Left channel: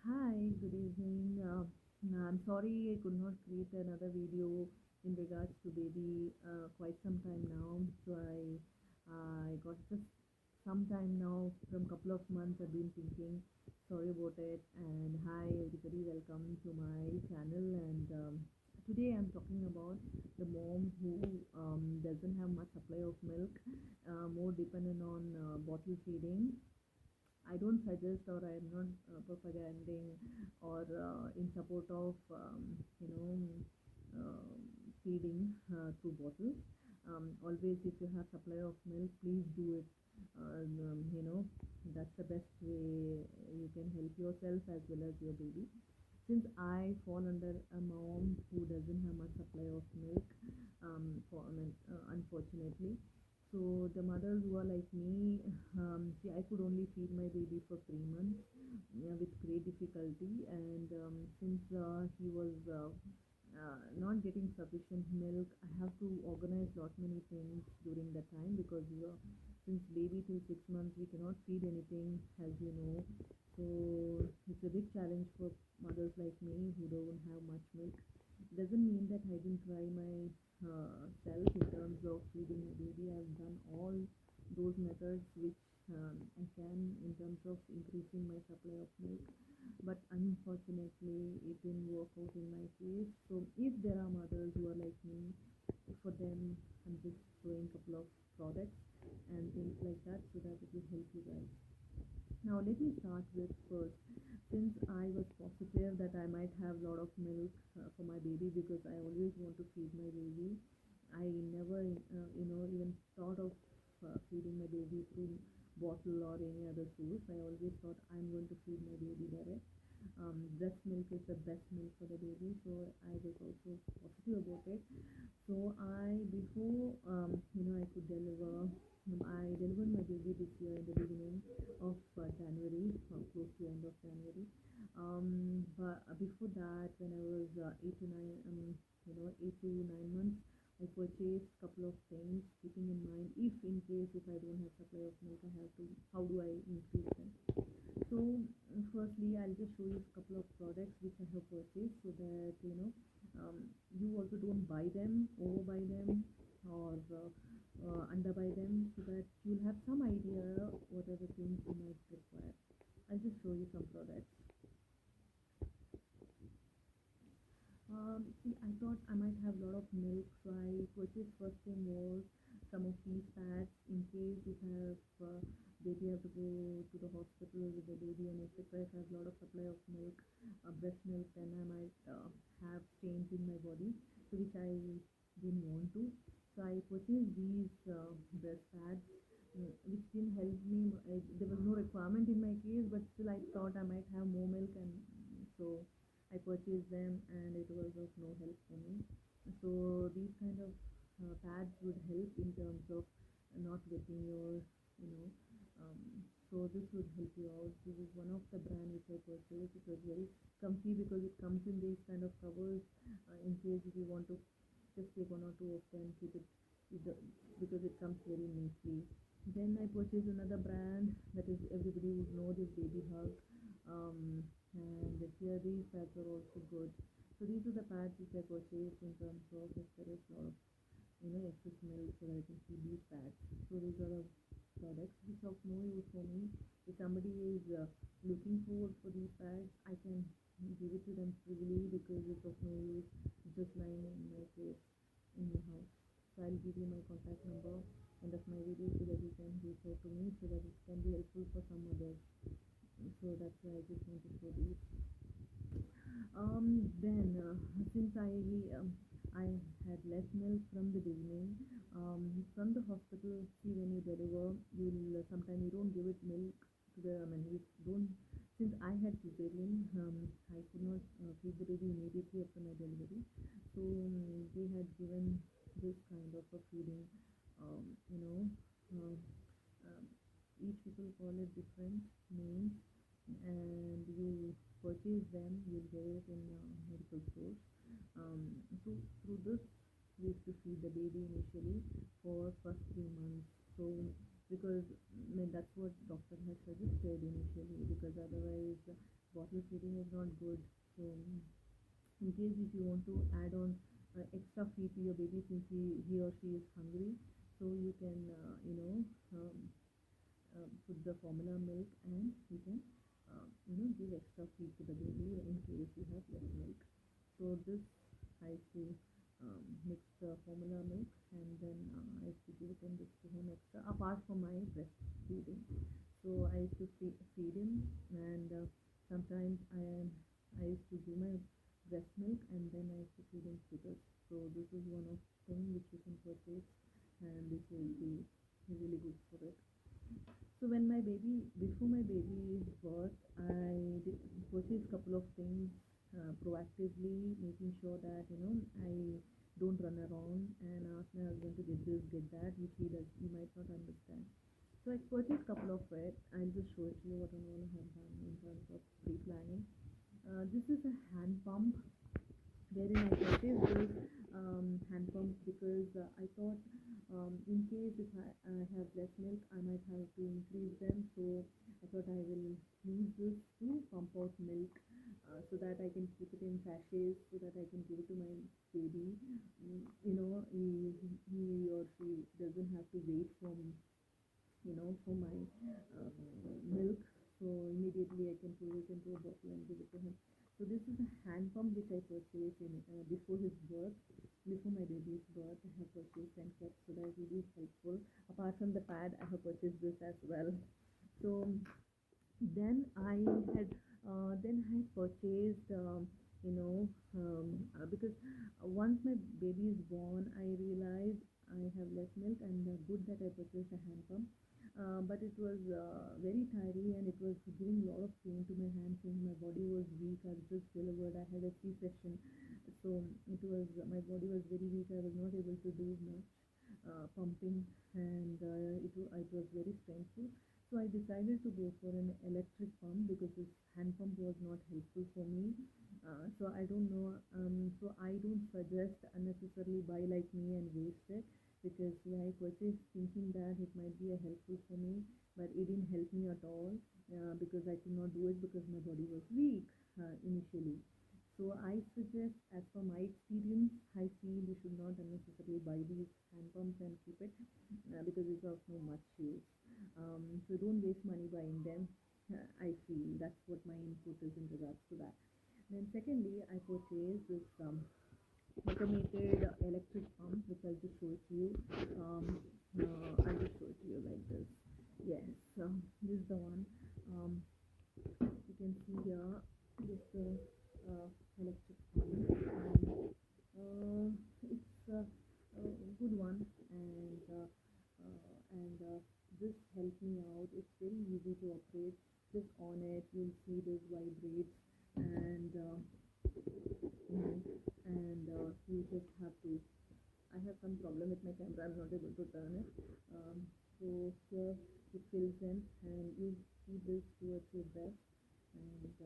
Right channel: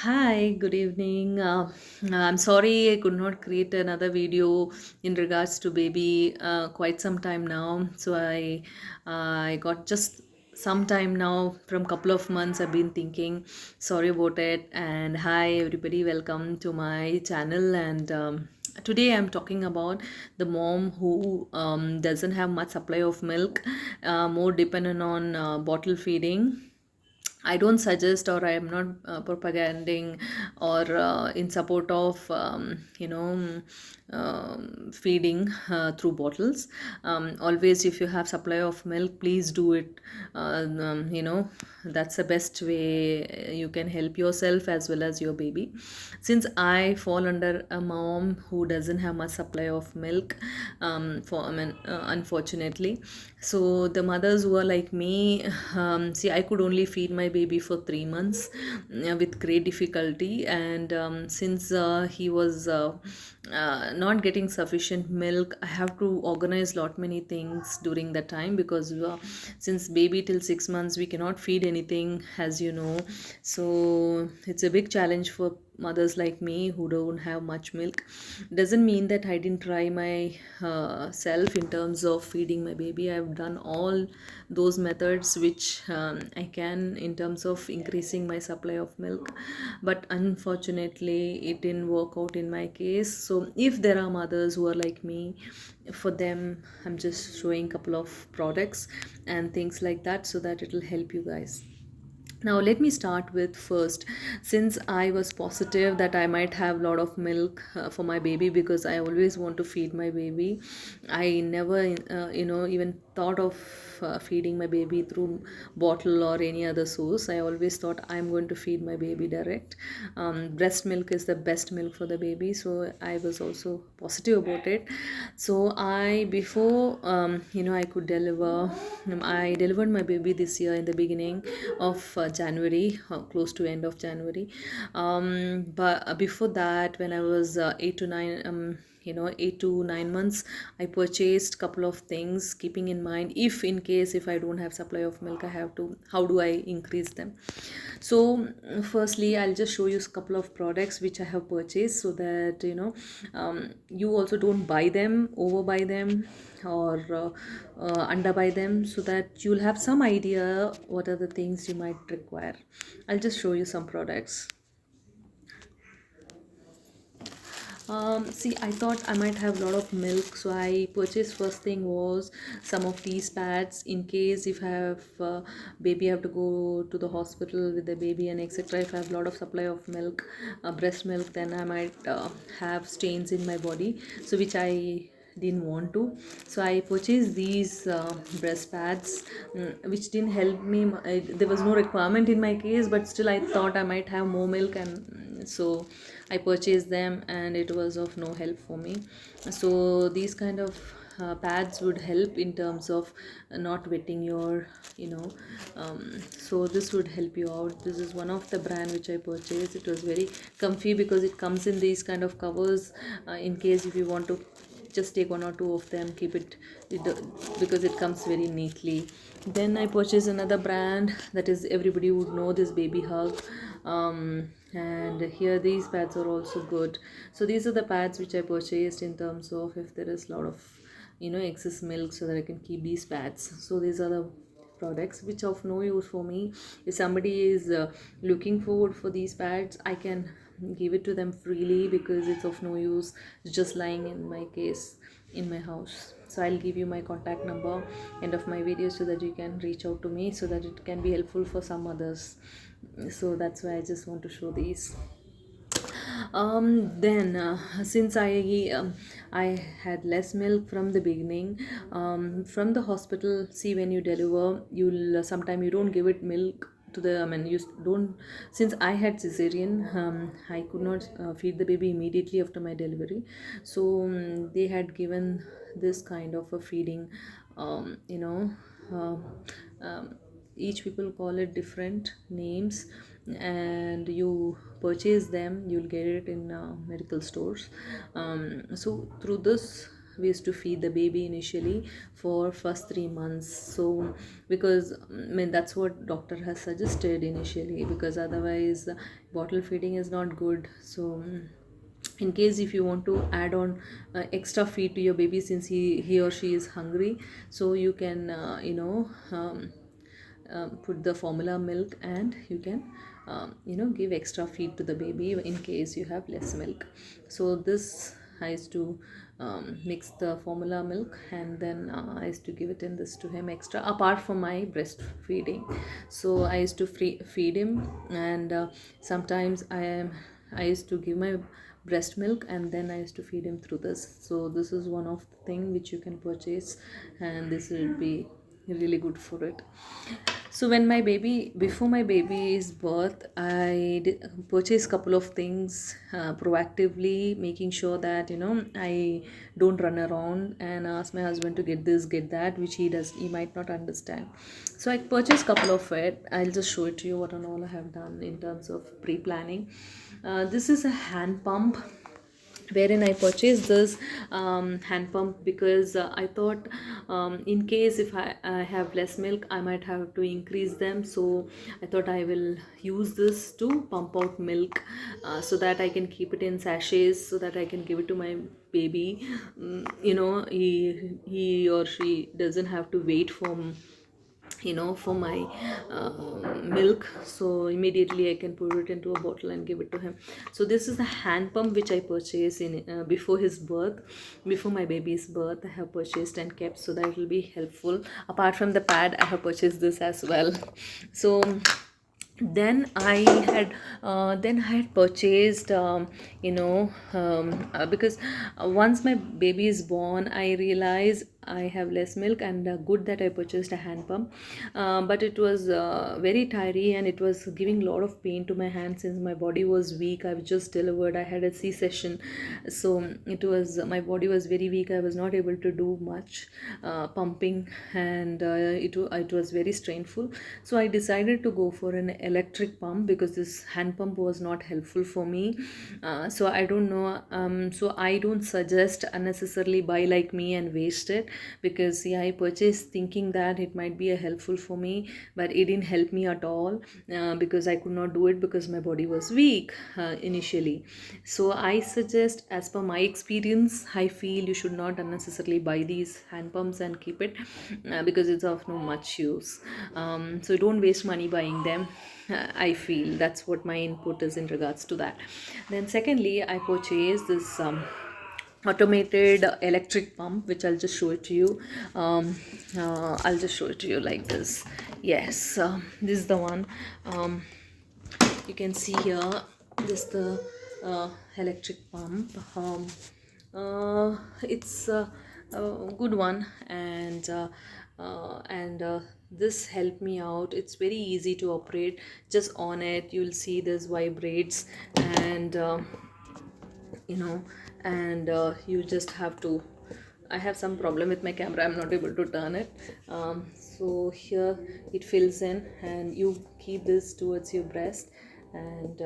Hi, good evening. I'm sorry I could not create another video in regards to baby quite some time now. I got just some time now from couple of months I've been thinking. Sorry about it. And hi everybody, welcome to my channel. And today I'm talking about the mom who doesn't have much supply of milk, more dependent on bottle feeding. I don't suggest, or I am not propaganding or in support of feeding through bottles. Always, if you have supply of milk, please do it. That's the best way you can help yourself as well as your baby. Since I fall under a mom who doesn't have much supply of milk, unfortunately, so the mothers who are like me, see, I could only feed my baby for 3 months with great difficulty, and since he was not getting sufficient milk, I have to organize lot many things during that time because since baby till 6 months we cannot feed anything, as you know. So it's a big challenge for mothers like me who don't have much milk. Doesn't mean that I didn't try my self in terms of feeding my baby. I've done all those methods which I can in terms of increasing my supply of milk, but unfortunately it didn't work out in my case. So if there are mothers who are like me, for them I'm just showing couple of products and things like that so that it will help you guys. Now let me start with first, since I was positive that I might have a lot of milk for my baby because I always want to feed my baby. I never even thought of feeding my baby through bottle or any other source. I always thought I'm going to feed my baby direct. Breast milk is the best milk for the baby, so I was also positive about it. So I before I could deliver, I delivered my baby this year in the beginning of January, close to end of January. But before that, when I was 8 to 9 months, I purchased couple of things, keeping in mind if in case if I don't have supply of milk, I have to, how do I increase them. So firstly, I'll just show you a couple of products which I have purchased so that you also don't buy them, overbuy them, or underbuy them, so that you'll have some idea what are the things you might require. I'll just show you some products. See, I thought I might have a lot of milk, so I purchased first thing was some of these pads in case if I have baby, I have to go to the hospital with the baby and etc. If I have a lot of supply of milk, breast milk, then I might have stains in my body, so which I didn't want to. So I purchased these breast pads, which didn't help me. There was no requirement in my case, but still I thought I might have more milk, and so I purchased them and it was of no help for me. So these kind of pads would help in terms of not wetting your, so this would help you out. This is one of the brand which I purchased. It was very comfy because it comes in these kind of covers, in case if you want to just take one or two of them, keep because it comes very neatly. Then I purchased another brand that is, everybody would know this, Baby Hug. And here these pads are also good. So these are the pads which I purchased in terms of if there is a lot of excess milk, so that I can keep these pads. So these are the products which of no use for me. If somebody is looking forward for these pads, I can give it to them freely because it's of no use. It's just lying in my case in my house. So I'll give you my contact number end of my video so that you can reach out to me, so that it can be helpful for some others. So that's why I just want to show these. Then since I had less milk from the beginning, from the hospital, see, when you deliver, you'll sometime you don't give it milk to the, I mean, don't, since I had cesarean, I could not feed the baby immediately after my delivery. So they had given this kind of a feeding, um, you know um, um, each people call it different names, and you purchase them, you'll get it in medical stores. So through this we used to feed the baby initially for first 3 months. So because I mean that's what doctor has suggested initially, because otherwise bottle feeding is not good. So in case if you want to add on extra feed to your baby, since he or she is hungry, so you can put the formula milk, and you can give extra feed to the baby in case you have less milk. So this I used to mix the formula milk, and then I used to give it in this to him extra apart from my breastfeeding. So I used to feed him, and sometimes I used to give my breast milk, and then I used to feed him through this. So this is one of the thing which you can purchase, and this will be really good for it. So when my baby before my baby's birth, I did purchase couple of things proactively, making sure that I don't run around and ask my husband to get this, get that, which he might not understand. So I purchased couple of it. I'll just show it to you what and all I have done in terms of pre-planning. This is a hand pump, wherein I purchased this hand pump because I thought, in case if I have less milk, I might have to increase them. So I thought I will use this to pump out milk, so that I can keep it in sachets, so that I can give it to my baby. He or she doesn't have to wait for my milk. So immediately I can put it into a bottle and give it to him. So this is the hand pump which I purchased in before his birth, before my baby's birth. I have purchased and kept, so that it will be helpful. Apart from the pad, I have purchased this as well. So then I had purchased, because once my baby is born, I realize I have less milk, and good that I purchased a hand pump. But it was very tiring, and it was giving a lot of pain to my hand since my body was weak. I was just delivered, I had a C-section. So it was, my body was very weak. I was not able to do much pumping, and it was very strainful. So I decided to go for an electric pump, because this hand pump was not helpful for me. So I don't know, so I don't suggest unnecessarily buy like me and waste it, because yeah, I purchased thinking that it might be a helpful for me, but it didn't help me at all, because I could not do it because my body was weak initially. So I suggest, as per my experience, I feel you should not unnecessarily buy these hand pumps and keep it, because it's of no much use. So don't waste money buying them. I feel that's what my input is in regards to that. Then secondly, I purchased this automated electric pump, which I'll just show it to you. I'll just show it to you like this. Yes, this is the one. You can see here, this the electric pump. It's a good one, and this helped me out. It's very easy to operate. Just on it, you'll see this vibrates, and you know you just have to. I have some problem with my camera, I'm not able to turn it. So here it fills in, and you keep this towards your breast, and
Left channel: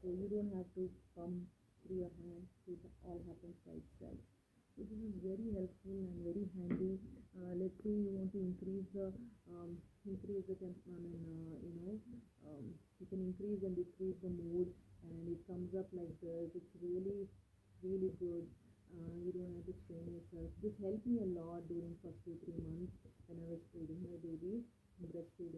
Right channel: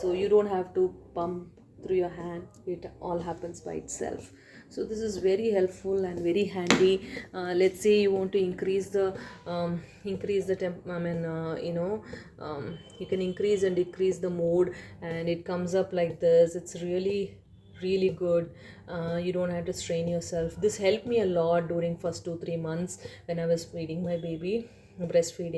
so you don't have to pump through your hand. It all happens by itself. So this is very helpful and very handy. Let's say you want to increase the temp I mean you can increase and decrease the mode, and it comes up like this. It's really good. You don't have to strain yourself. This helped me a lot during first 2-3 months when I was breastfeeding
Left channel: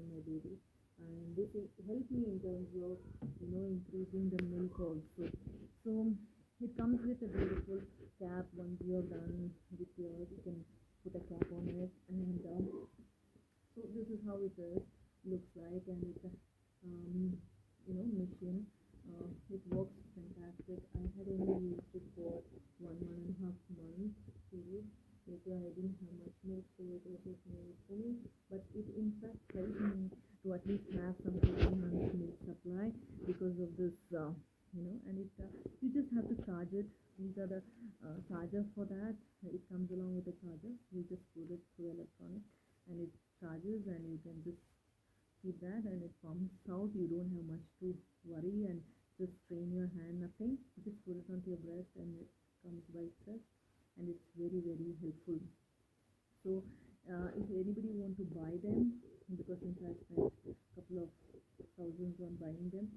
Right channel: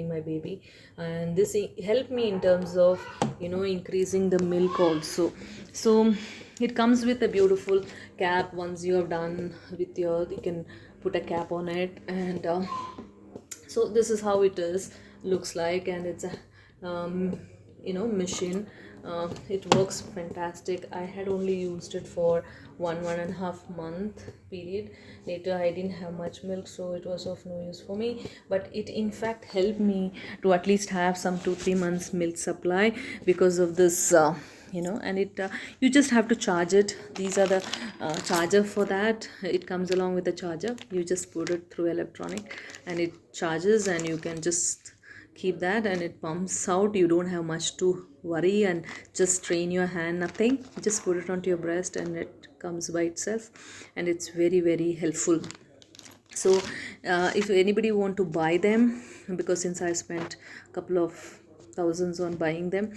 my baby, and this helped me in terms of increasing the milk also. So it comes with a beautiful cap. Once you have done with you can put a cap on it, and so this is how it looks like, and it's a machine. It works fantastic. I had only used it for 1.5 month period. Later I didn't have much milk, so it was of no use for me, but it in fact helped me to at least have some 2-3 months milk supply because of this. And it you just have to charge it. These are the charger for that. It comes along with the charger. You just put it through electronic, and it charges, and you can just keep that, and it pumps out. You don't have much to worry and just strain your hand, nothing. Just put it onto your breast, and it comes by itself, and it's very very helpful. So if anybody want to buy them, because since I spent a couple of thousands on buying them,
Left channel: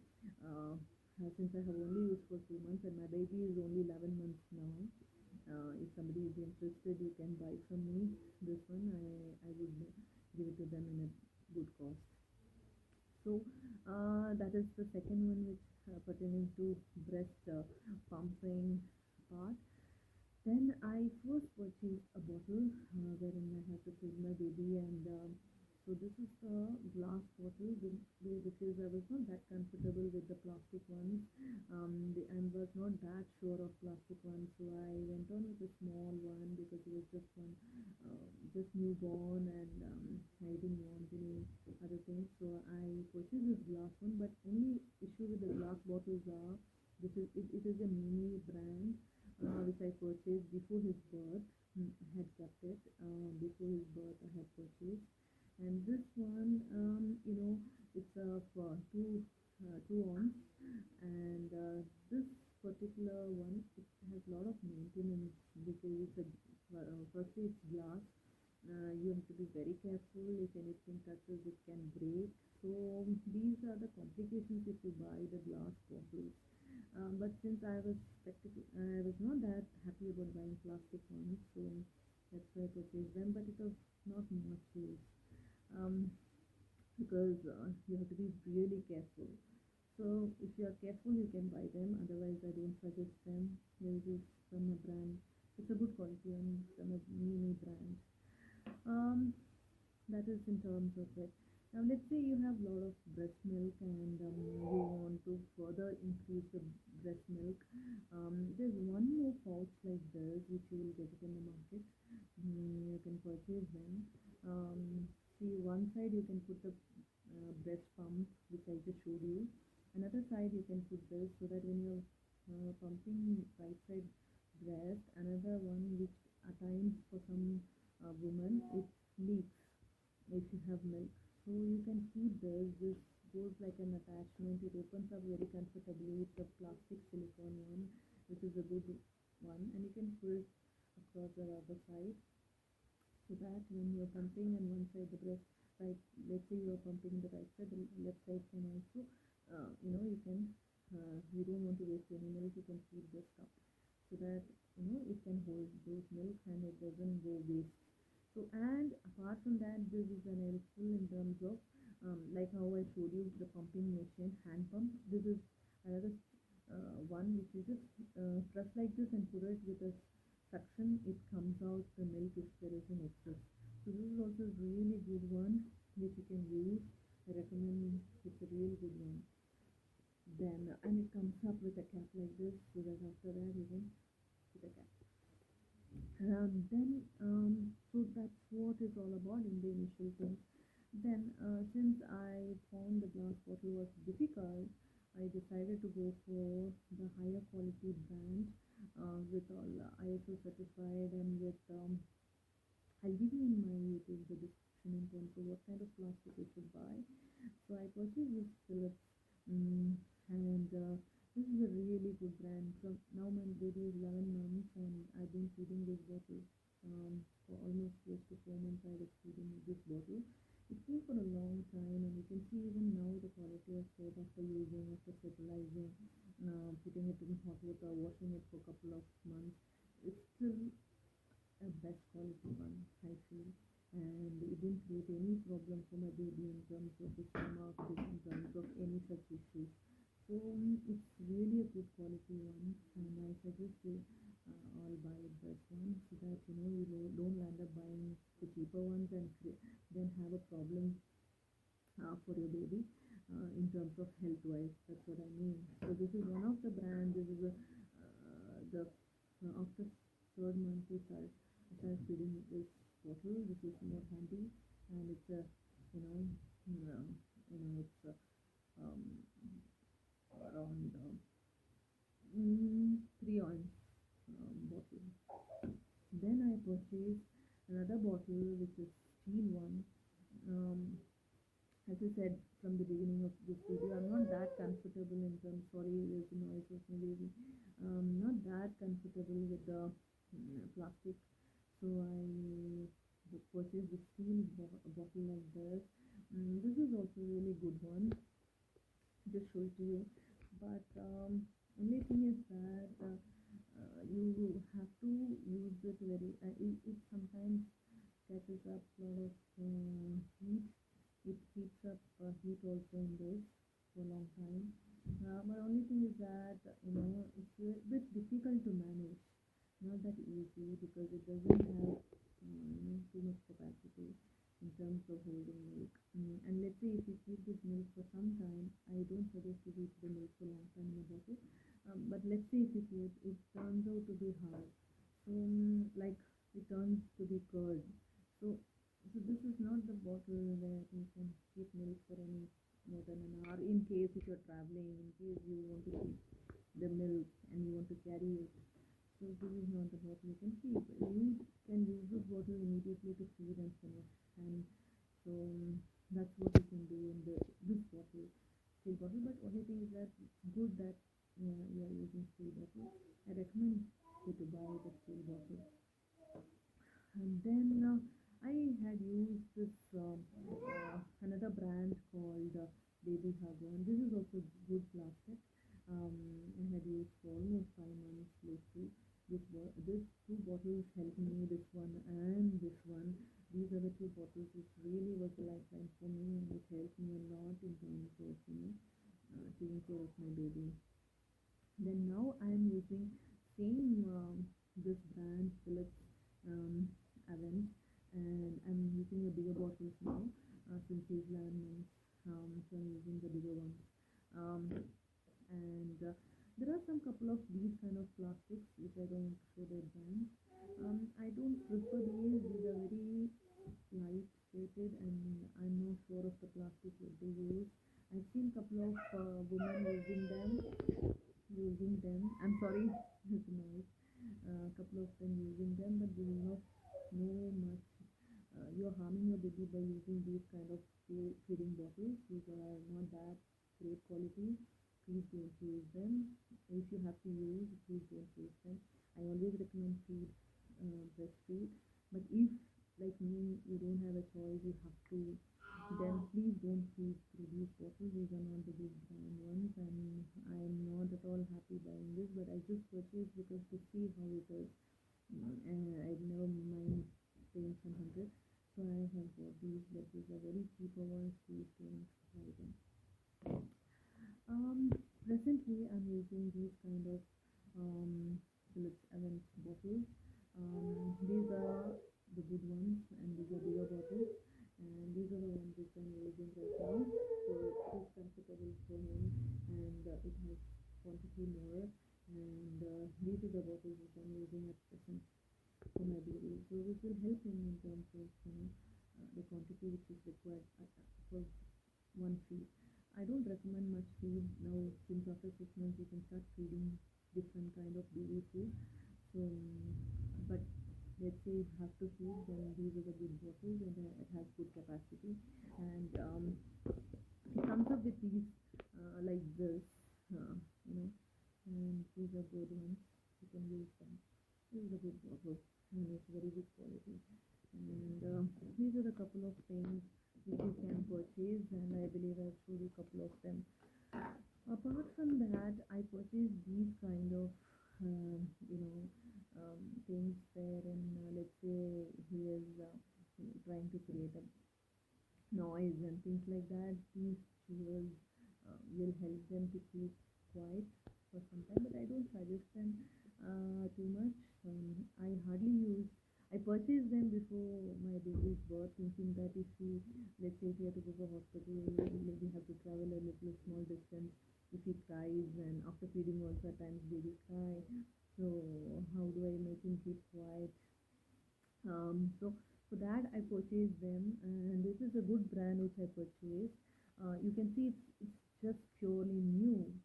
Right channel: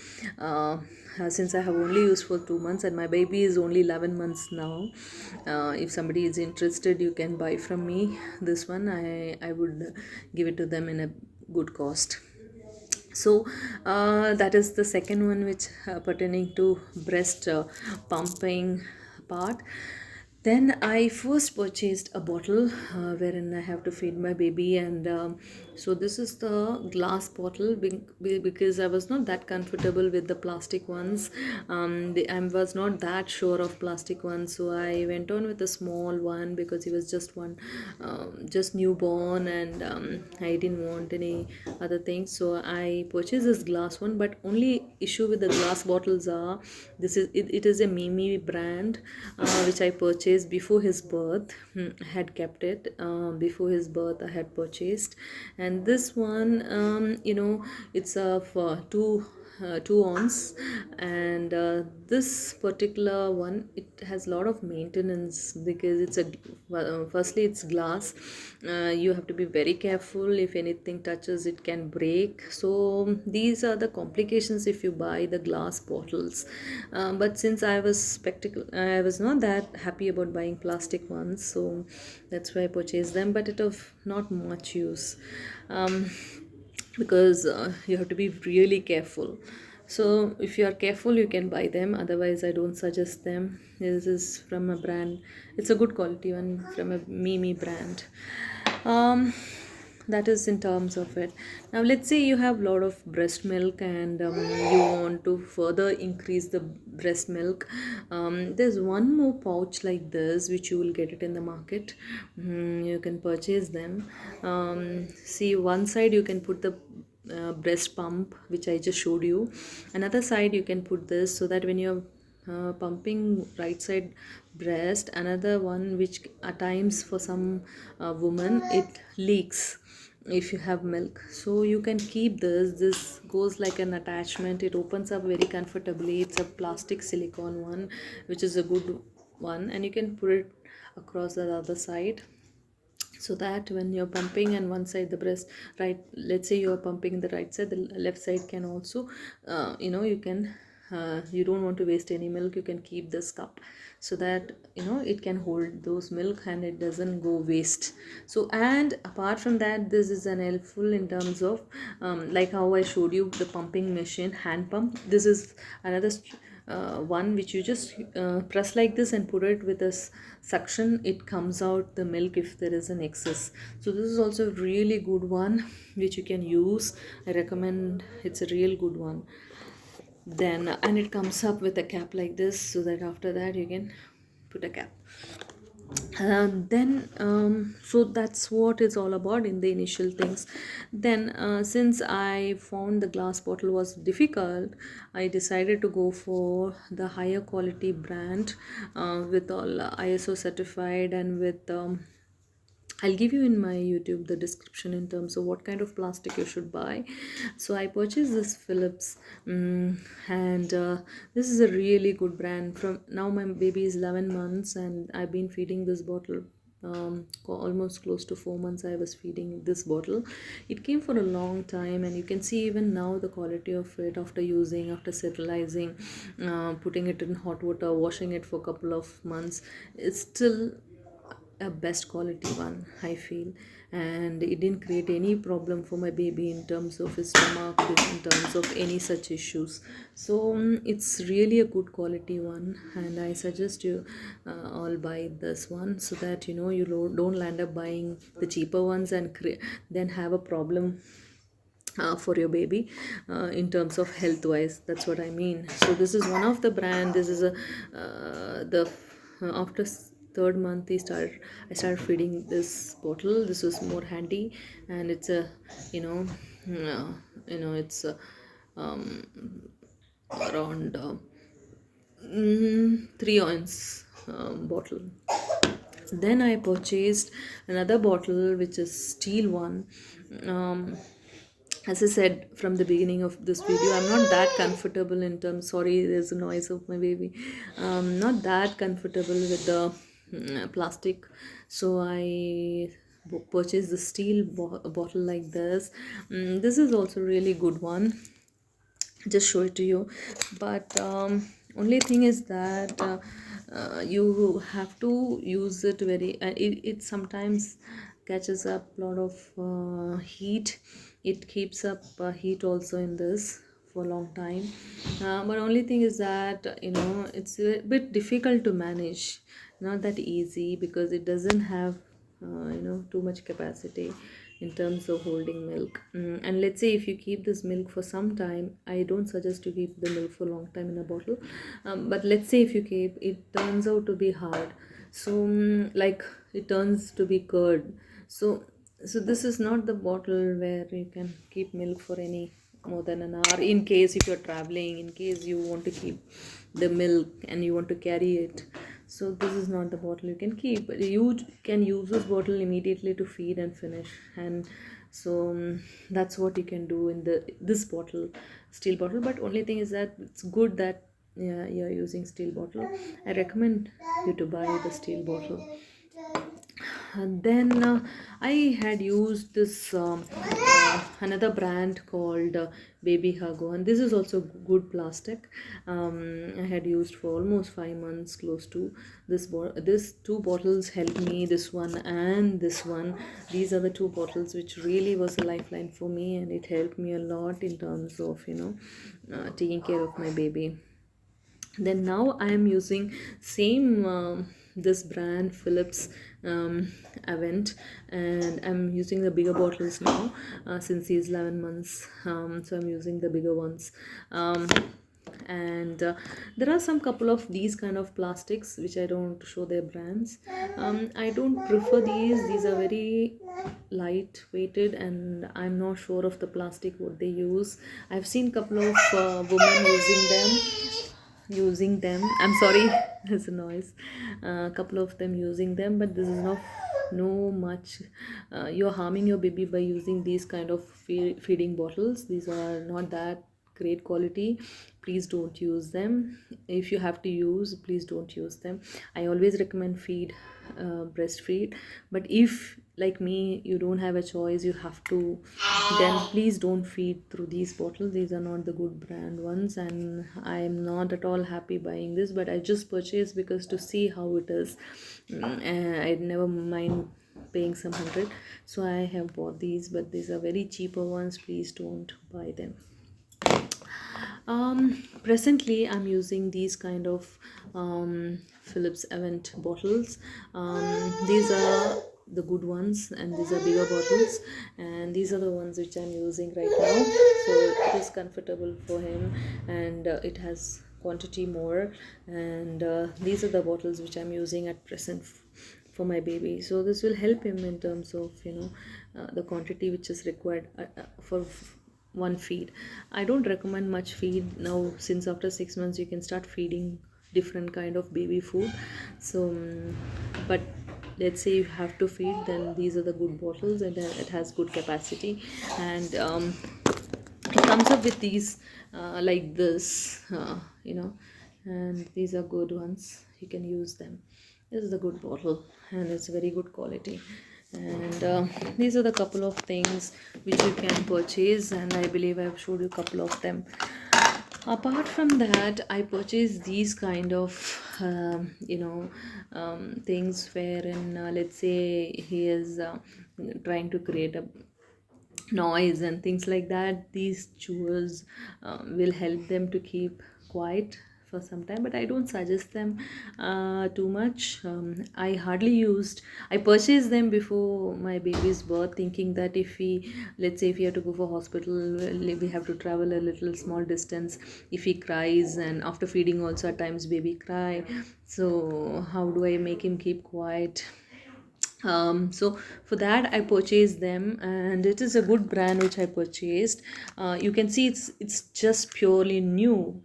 since I have only used for 2 months and my baby is only 11 months now, if somebody is interested, you can buy from me this one. I would give it to them in a good cost. So that is the second one, which pertaining to breast pumping part. Then I first purchased a bottle wherein I have to feed my baby, and so this is the glass bottle because I was not that comfortable with the plastic ones. I was not that sure of plastic ones, so I went on with a small one because he was just one, just newborn, and I didn't want any other things, so I purchased this glass one. But only issue with the glass bottles are, it is a Mimi brand, which I purchased before his birth. I had kept it before his birth. I had purchased, and this one, it's for 2 ounce, and this particular one, it has a lot of maintenance because it's firstly it's glass. You have to be very careful. If anything touches, it can break. So these are the complications if you buy the glass bottles. But since I was not that happy about buying plastic ones, so that's why I purchased them, but it of not much use. um, because you have to be really careful. So if you are careful, you can buy them, otherwise I don't suggest them. This is from a brand, it's a good quality one from a Mimi brand. um, that is in terms of it. Now let's say you have a lot of breast milk, and you want to further increase the breast milk. There's one more pouch like this which you will get it in the market. You can purchase them. See, one side you can put the breast pump which I just showed you. Another side you can put this, so that when you're pumping right side breast, another one which at times for some woman it leaks if you have milk, so you can keep this goes like an attachment. It opens up very comfortably. It's a plastic silicone one, which is a good one, and you can put it across the other side, so that when you're pumping and one side the breast, right, let's say you're pumping the right side, the left side can also, you can, you don't want to waste any milk, you can keep this cup, so that it can hold those milk and it doesn't go waste. So, and apart from that, this is an helpful in terms of, like how I showed you the pumping machine, hand pump. This is another one which you just press like this and put it with a suction, it comes out the milk if there is an excess. So this is also a really good one which you can use. I recommend, it's a real good one. Then, and it comes up with a cap like this, so that after that you can put a cap. Then so that's what it's all about in the initial things. Then since I found the glass bottle was difficult, I decided to go for the higher quality brand, with all ISO certified, and with I'll give you in my YouTube the description in terms of what kind of plastic you should buy. So I purchased this Philips, and this is a really good brand. From now, my baby is 11 months, and I've been feeding this bottle. Almost close to 4 months I was feeding this bottle. It came for a long time, and you can see even now the quality of it after using, after sterilizing, putting it in hot water, washing it for a couple of months, it's still a best quality one, I feel. And it didn't create any problem for my baby in terms of his stomach, in terms of any such issues. So it's really a good quality one, and I suggest you all buy this one, so that you don't land up buying the cheaper ones and then have a problem for your baby, in terms of health wise. That's what I mean. So this is one of the brand. This is a the after third month I started feeding this bottle. This was more handy, and it's a, it's um, around 3 ounce bottle. Then I purchased another bottle which is steel one. um, as I said from the beginning of this video, I'm not that comfortable in terms. Sorry, there's a noise of my baby. Not that comfortable with the plastic, so I purchased the steel bottle like this. This is also really good one. Just show it to you, but only thing is that you have to use it very. It sometimes catches up a lot of heat. It keeps up heat also in this for a long time, but only thing is that it's a bit difficult to manage, not that easy, because it doesn't have too much capacity in terms of holding milk. And let's say if you keep this milk for some time, I don't suggest to keep the milk for a long time in a bottle, but let's say if you keep it, turns out to be hard. So like it turns to be curd. So this is not the bottle where you can keep milk for any more than an hour, in case if you're traveling, in case you want to keep the milk and you want to carry it. So this is not the bottle you can keep. You can use this bottle immediately to feed and finish. And so that's what you can do in this bottle, steel bottle. But only thing is that it's good that, yeah, you're using steel bottle. I recommend you to buy the steel bottle. And then I had used this another brand called Baby Hago, and this is also good plastic. I had used for almost 5 months, close to this two bottles helped me. This one and this one. These are the two bottles which really was a lifeline for me, and it helped me a lot in terms of taking care of my baby. Then now I am using same this brand Philips Avent, and I'm using the bigger bottles now since he's 11 months. So I'm using the bigger ones. And there are some couple of these kind of plastics which I don't show their brands. I don't prefer these are very light weighted, and I'm not sure of the plastic what they use. I've seen couple of women using them. I'm sorry, there's a noise. A couple of them using them, but this is not no much. You're harming your baby by using these kind of feeding bottles. These are not that great quality. Please don't use them. If you have to use, please don't use them. I always recommend breastfeed. But if, like me, you don't have a choice, you have to, then please don't feed through these bottles. These are not the good brand ones, and I'm not at all happy buying this, but I just purchased because to see how it is. I never mind paying some hundred, so I have bought these, but these are very cheaper ones. Please don't buy them. Presently I'm using these kind of Philips Avent bottles. These are the good ones, and these are bigger bottles, and these are the ones which I'm using right now. So it is comfortable for him, and it has quantity more, and these are the bottles which I'm using at present for my baby. So this will help him in terms of the quantity which is required for one feed. I don't recommend much feed now, since after 6 months you can start feeding different kind of baby food. So but let's say you have to feed, then these are the good bottles, and it has good capacity. And it comes up with these like this, and these are good ones. You can use them. This is a good bottle, and it's very good quality. And these are the couple of things which you can purchase, and I believe I've showed you a couple of them. Apart from that, I purchased these kind of things wherein, let's say he is trying to create a noise and things like that. These chewers will help them to keep quiet for some time, but I don't suggest them too much. I purchased them before my baby's birth, thinking that if we, let's say if we have to go for hospital, we have to travel a little small distance. If he cries, and after feeding also at times baby cry, so how do I make him keep quiet? So for that I purchased them, and it is a good brand which I purchased. You can see it's just purely new,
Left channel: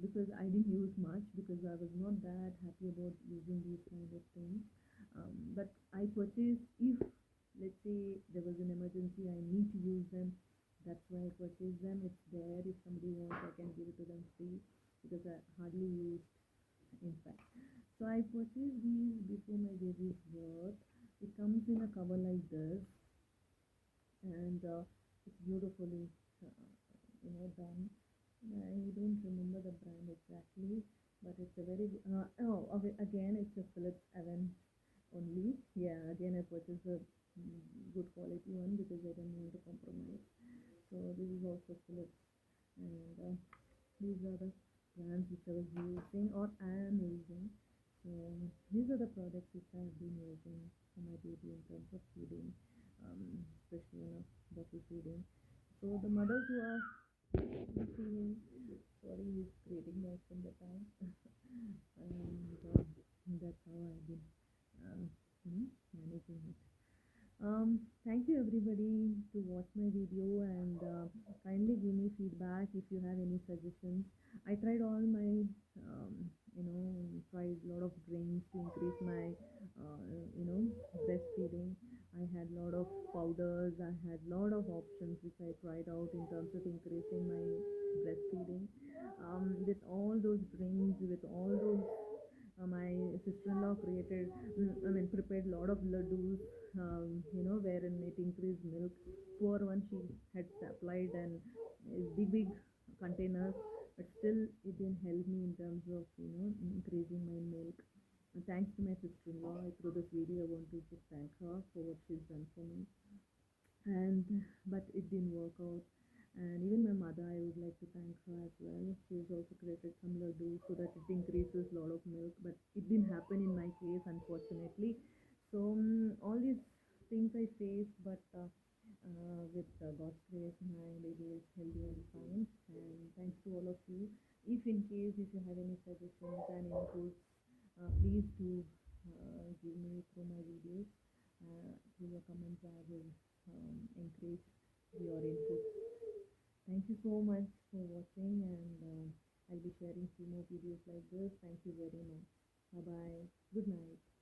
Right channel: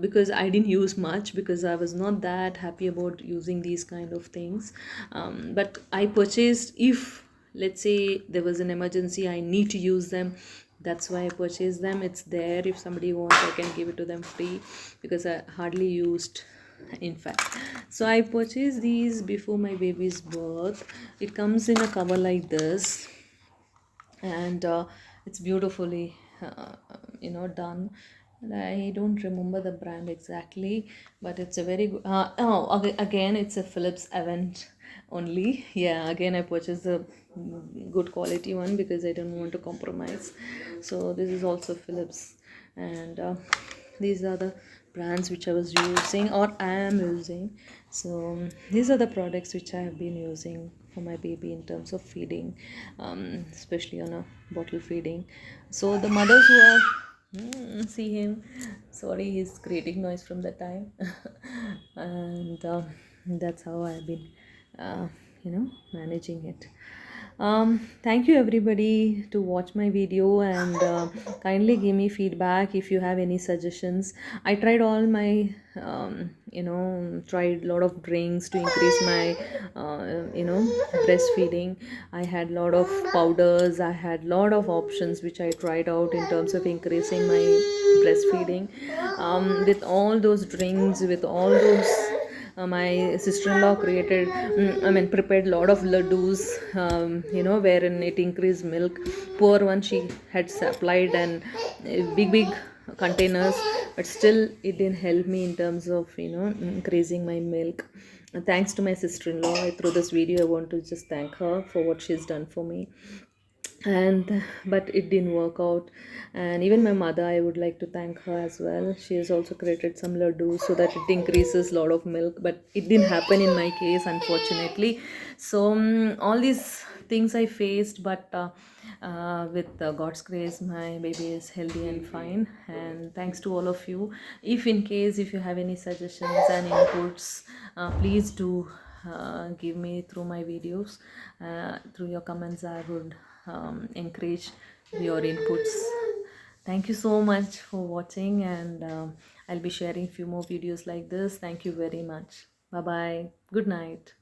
because I didn't use much, because I was not that happy about using these kind of things. But I purchased, if let's say there was an emergency, I need to use them, That's why I purchased them. It's there, if somebody wants I can give it to them free, because I hardly used, in fact. So I purchased these before my baby's birth. It comes in a cover like this, and it's beautifully done. And I don't remember the brand exactly, but it's a very good, again it's a Philips Avent only. Yeah, again I purchased the good quality one because I don't want to compromise. So this is also Philips, and these are the brands which I was using or I am using. So these are the products which I have been using for my baby in terms of feeding, especially on a bottle feeding. So the mothers who are see him, sorry, he's creating noise from that time. And that's how I've been managing it. Thank you everybody to watch my video, and kindly give me feedback if you have any suggestions. I tried all my tried a lot of drinks to increase my breastfeeding. I had a lot of powders, I had a lot of options which I tried out in terms of increasing my breastfeeding. With all those drinks, with all those my sister-in-law prepared a lot of laddus, wherein it increased milk. Poor one, she had supplied and big containers, but still it didn't help me in terms of increasing my milk. Thanks to my sister-in-law, through this video I want to just thank her for what she's done for me. And but it didn't work out. And even my mother, I would like to thank her as well. She has also created some laddu so that it increases a lot of milk, but it didn't happen in my case, unfortunately. So all these things I faced, but with God's grace my baby is healthy and fine. And thanks to all of you. If in case if you have any suggestions and inputs, please do give me through my videos, through your comments. I would encourage your inputs. Thank you so much for watching, and I'll be sharing few more videos like this. Thank you very much. Bye bye. Good night.